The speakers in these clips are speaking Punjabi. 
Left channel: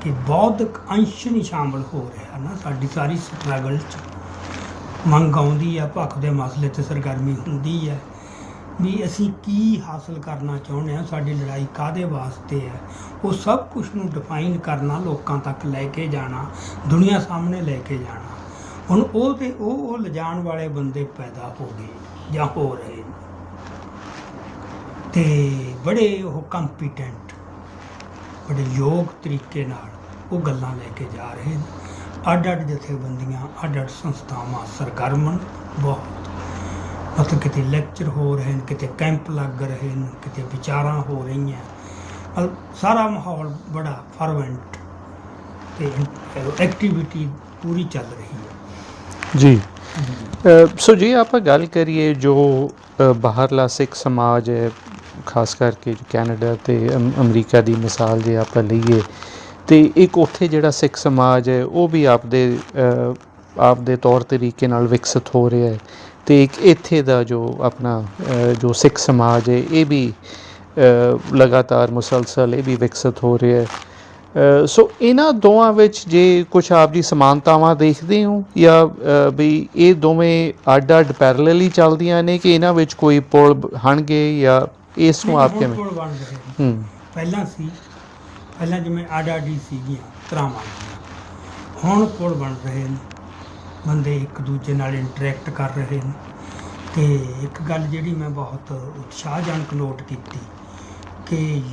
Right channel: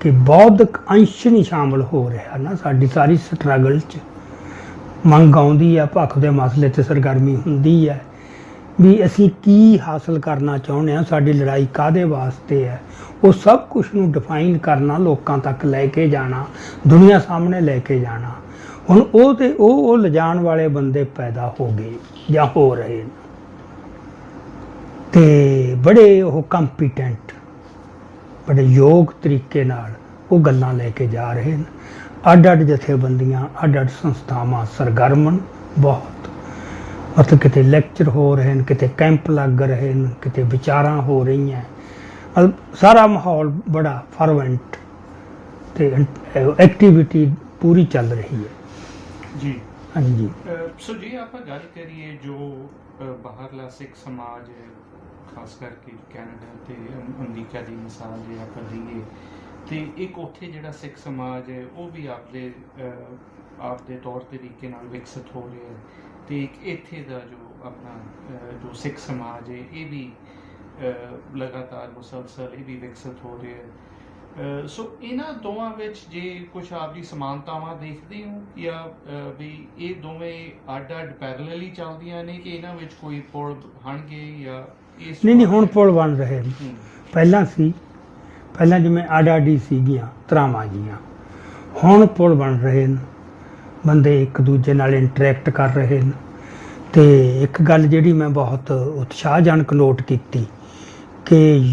ਕਿ ਬੌਧਿਕ ਅੰਸ਼ ਨਹੀਂ ਸ਼ਾਮਲ ਹੋ ਰਿਹਾ ਨਾ। ਸਾਡੀ ਸਾਰੀ ਸਟਰਗਲ 'ਚ ਮੰਗ ਆਉਂਦੀ ਆ, ਭੱਖ ਦੇ ਮਸਲੇ ਤੇ ਸਰਗਰਮੀ ਹੁੰਦੀ ਹੈ ਵੀ ਅਸੀਂ ਕੀ ਹਾਸਲ ਕਰਨਾ ਚਾਹੁੰਦੇ ਆ, ਸਾਡੀ ਲੜਾਈ ਕਾਦੇ ਵਾਸਤੇ ਹੈ ਉਹ ਸਭ ਕੁਝ ਨੂੰ ਡਿਫਾਈਨ ਕਰਨਾ, ਲੋਕਾਂ ਤੱਕ ਲੈ ਕੇ ਜਾਣਾ, ਦੁਨੀਆ ਸਾਹਮਣੇ ਲੈ ਕੇ ਜਾਣਾ। ਹੁਣ ਉਹ ਤੇ ਉਹ ਉਹ ਲਿਜਾਣ ਵਾਲੇ ਬੰਦੇ ਪੈਦਾ ਹੋ ਗਏ ਜਾਂ ਹੋ ਰਹੇ ਨੇ। ਤੇ ਬੜੇ ਉਹ ਕੰਪੀਟੈਂਟ ਬੜੇ ਯੋਗ ਤਰੀਕੇ ਨਾਲ ਉਹ ਗੱਲਾਂ ਲੈ ਕੇ ਜਾ ਰਹੇ ਨੇ। ਅੱਡ ਅੱਡ ਜਥੇਬੰਦੀਆਂ ਅੱਡ ਅੱਡ ਸੰਸਥਾਵਾਂ ਸਰਗਰਮ ਬਹੁਤ। ਮਤਲਬ ਕਿਤੇ ਲੈਕਚਰ ਹੋ ਰਹੇ ਨੇ ਕਿਤੇ ਕੈਂਪ ਲੱਗ ਰਹੇ ਨੇ ਕਿਤੇ ਵਿਚਾਰਾਂ ਹੋ ਰਹੀਆਂ। ਸਾਰਾ ਮਾਹੌਲ ਬੜਾ ਫਰਵੈਂਟ ਤੇ ਐਕਟੀਵਿਟੀ ਪੂਰੀ ਚੱਲ ਰਹੀ ਹੈ। ਜੀ। ਹਾਂਜੀ। ਸੋ ਜੇ ਆਪਾਂ ਗੱਲ ਕਰੀਏ ਜੋ ਬਾਹਰਲਾ ਸਿੱਖ ਸਮਾਜ ਹੈ ਖਾਸ ਕਰਕੇ ਕੈਨੇਡਾ ਤੇ ਅਮ- ਅਮਰੀਕਾ ਦੀ ਮਿਸਾਲ ਜੇ ਆਪਾਂ ਲਈਏ, ਤੇ ਇੱਕ ਉੱਥੇ ਜਿਹੜਾ ਸਿੱਖ ਸਮਾਜ ਹੈ, ਉਹ ਵੀ ਆਪਦੇ ਆਪਦੇ ਤੌਰ ਤਰੀਕੇ ਨਾਲ ਵਿਕਸਿਤ ਹੋ ਰਿਹਾ ਹੈ। ਤੇ ਇੱਕ ਇੱਥੇ ਦਾ ਜੋ ਆਪਣਾ ਜੋ ਸਿੱਖ ਸਮਾਜ ਹੈ, ਇਹ ਵੀ ਲਗਾਤਾਰ ਮੁਸਲਸਲ ਇਹ ਵੀ ਵਿਕਸਿਤ ਹੋ ਰਿਹਾ ਹੈ। ਸੋ ਇਹਨਾਂ ਦੋਵਾਂ ਵਿੱਚ ਜੇ ਕੁਝ ਆਪ ਜੀ ਸਮਾਨਤਾਵਾਂ ਦੇਖਦੇ ਹੋ, ਜਾਂ ਵੀ ਇਹ ਦੋਵੇਂ ਅੱਡ-ਅੱਡ ਪੈਰਲਲੀ ਚੱਲਦੀਆਂ ਨੇ ਕਿ ਇਹਨਾਂ ਵਿੱਚ ਕੋਈ ਪੁਲ ਬ- ਜਾਂ ਇਸ ਨੂੰ ਨਹੀਂ, ਆਪ ਹੁਣ ਕਿਵੇਂ ਪੁਲ ਬਣ ਰਹੇ ਨੇ। ਹੂੰ। ਪਹਿਲਾਂ ਸੀ ਪਹਿਲਾਂ ਜਿਵੇਂ ਆਡਾਡੀ ਸੀਗੀਆਂ ਤਰਾਵਾਂ ਜੀਆਂ। ਹੁਣ ਪੁਲ ਬਣ ਰਹੇ ਨੇ। ਬੰਦੇ ਇੱਕ ਦੂਜੇ ਨਾਲ ਇੰਟਰੈਕਟ ਕਰ ਰਹੇ ਨੇ। ਤੇ ਇੱਕ ਗੱਲ ਜਿਹੜੀ ਮੈਂ ਬਹੁਤ ਉਤਸ਼ਾਹਜਨਕ ਨੋਟ ਕੀਤੀ ਕਿ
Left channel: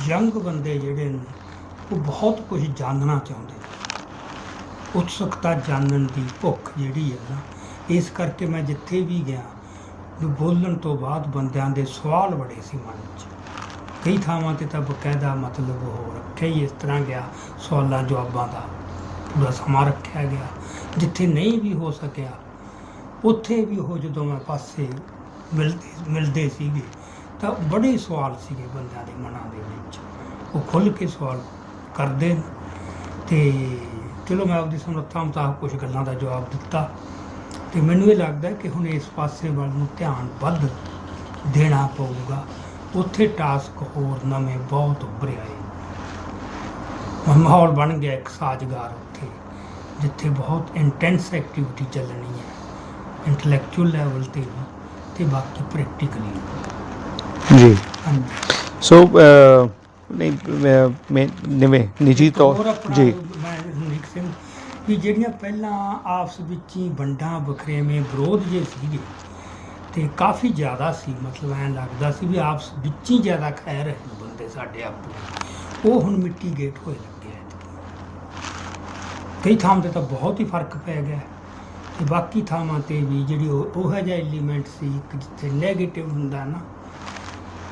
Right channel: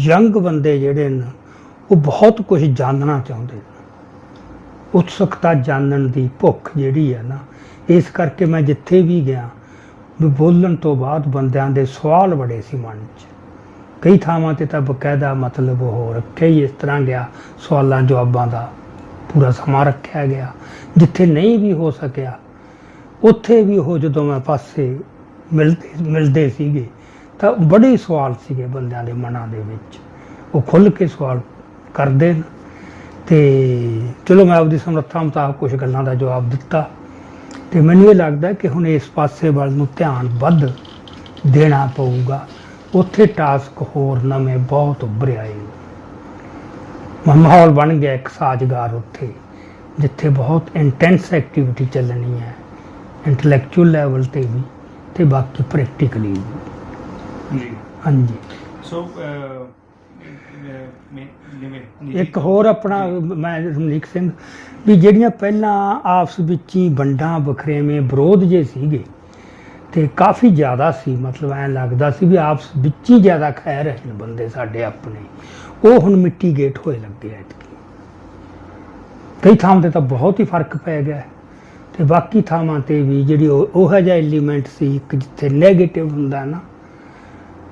ਯੰਗ ਬੰਦੇ ਜਿਹੜੇ ਨੇ ਉਹ ਬਹੁਤ ਕੁਝ ਜਾਣਨਾ ਚਾਹੁੰਦੇ ਨੇ। ਉਤਸੁਕਤਾ ਜਾਣਨ ਦੀ ਭੁੱਖ ਜਿਹੜੀ ਹੈ ਨਾ ਇਸ ਕਰਕੇ ਮੈਂ ਜਿੱਥੇ ਵੀ ਗਿਆ ਵੀ ਬੋਲਣ ਤੋਂ ਬਾਅਦ ਬੰਦਿਆਂ ਦੇ ਸਵਾਲ ਬੜੇ ਸੀ ਮਨ 'ਚ। ਕਈ ਥਾਵਾਂ ਤੇ ਤਾਂ ਬਕਾਇਦਾ ਮਤਲਬ ਹੋ ਰੱਖਿਆ ਹੀ ਇਸ ਤਰ੍ਹਾਂ ਗਿਆ, ਸਵਾਲਾਂ ਜਵਾਬਾਂ ਦਾ ਪੂਰਾ ਸਮਾਂ ਰੱਖਿਆ ਗਿਆ, ਜਿੱਥੇ ਨਹੀਂ ਵੀ ਹੋ ਸਕਿਆ, ਉੱਥੇ ਵੀ ਉਹ ਜਦੋਂ ਮੈਂ ਪਾਸੇ ਮਿਲਦੇ ਮਿਲਦੇ ਸੀਗੇ, ਤਾਂ ਬੜੇ ਸਵਾਲ ਸੀਗੇ ਬੰਦਿਆਂ ਦੇ ਮਨਾਂ ਦੇ ਵਿੱਚ। ਉਹ ਖੁੱਲ ਕੇ ਸਵਾਲ ਕਰਦੇ ਨੇ। ਤੇ ਚਲੋ ਮੈਂ ਆਪਦੀ ਸਮਰੱਥਾ ਮੁਤਾਬਕ ਕੁਝ ਗੱਲਾਂ ਦਾ ਜਵਾਬ ਦਿੱਤਾ। ਤੇ ਮੈਨੂੰ ਇਹ ਲੱਗਦਾ ਕਿ ਹੁਣ ਇਸ ਪਾਸੇ ਵੱਲ ਨੂੰ ਧਿਆਨ ਵੱਧ ਦੇਣਾ ਪਊਗਾ। ਉੱਥੇ ਟਾਸਕ ਹੋਰ ਨਵੇਂ ਬਹੁਤ ਉੱਭਰ ਆਏ ਨੇ। ਮਾਹੌਲ ਬਣ ਗਿਆ ਇੱਕ ਸਾਜ਼ਗਾਰ ਉੱਥੇ ਜਿੱਥੇ ਬਹੁਤ ਇੰਟੈਂਸ ਐਕਟੀਵਿਟੀ ਚੱਲਣੀ ਹੈ ਇੰਟੈਲੈਕਚੁਅਲ ਲੈਵਲ ਤੇ ਵੀ ਤੇ ਬਾਕੀ ਪ੍ਰੈਕਟੀਕਲੀ ਵੀ। ਜੀ। ਹਾਂਜੀ। ਸੋ ਨਹੀਂ ਮੈਂ- ਨਿਵੇਂ ਨਿੱਜੀ ਇੱਕ ਹੋਰ ਤੌਰ ਆਪਣਾ ਜੀ। ਮੈਂ ਰਮਨੀਕ ਸਿੰਘ ਵੀ ਜਿਹੜੀਆਂ ਪਹਿਲਾਂ ਆਪਸ ਵਿੱਚ ਹੀ ਵੰਡਾਂ ਬਖਰੇਵੇਂ ਵਿਰੋਧ ਜੇ ਸੀਗੇ ਤੇ ਕਾਫੀ ਜ਼ਿਆਦਾ ਸੀ, ਮਤਲਬ ਐਂ ਲੱਗਦਾ ਸੀ ਵੀ ਆਪਸ ਵਿੱਚ ਹੀ ਜ਼ਿਆਦਾ ਖੈ ਰਹੇ ਨੇ ਬੰਦੇ ਸਾਡੇ ਆਪਣੇ ਉਹ ਹੁਣ ਮਿੱਟੀ ਗੇਟ ਹੋਏ ਲੱਗੇ ਐ ਕਈ ਥਾਵਾਂ ਤੇ ਤਾਂ ਬਹੁਤ ਹੀ ਫ਼ਰਕ ਪੈ ਗਿਆ ਹੈ। ਤੇ ਬਾਕੀ ਥਾਵਾਂ ਤੇ ਵੀ ਜਿਹੜੀ ਉਹ ਉਹ ਜਿਹਾ ਐਲੀਮੈਂਟ ਸੀ, ਇੱਕ ਜਿੱਥੇ 네ਗੇਟਿਵ ਹੁੰਦਾ ਨਾ,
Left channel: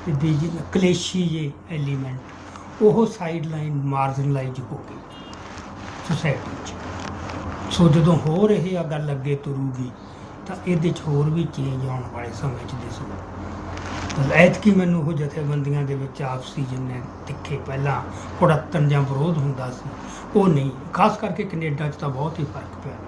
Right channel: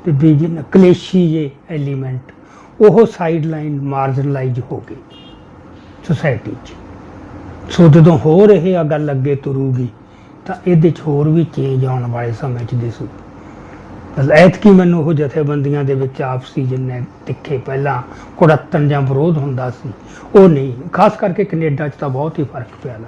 ਤੇ ਵੀ ਜਿਹਨਾਂ ਕਲੇਸ਼ੀ ਜੇ ਐਲੀਮੈਂਟ ਉਹ ਸਾਈਡ ਲਾਈਨ ਮਾਰਜਨਲਾਈਜ਼ ਹੋ ਗਈ ਸੋਸਾਇਟੀ 'ਚ ਸੋ ਜਦੋਂ ਹੋਰ ਇਹ ਆ ਗੱਲ ਅੱਗੇ ਤੁਰੂਗੀ, ਤਾਂ ਇਹਦੇ 'ਚ ਹੋਰ ਵੀ ਚੇਂਜ ਆਉਣ ਵਾਲੇ ਸਮੇਂ 'ਚ ਦਿਸੂ। ਐਤਕੀ ਮੈਨੂੰ ਉਹ ਜਥੇਬੰਦੀਆਂ ਦੇ ਵਿੱਚ ਆਪਸੀ ਜਿੰਨੇ ਤਿੱਖੇ ਪਹਿਲਾਂ ਕੁੜੱਤਣ ਜਾਂ ਵਿਰੋਧ ਹੁੰਦਾ ਸੀ, ਉਹ ਨਹੀਂ। ਖਾਸ ਕਰਕੇ ਕੈਨੇਡਾ 'ਚ ਤਾਂ ਬਹੁਤ ਹੀ ਫ਼ਰਕ ਪਿਆ ਨਾ।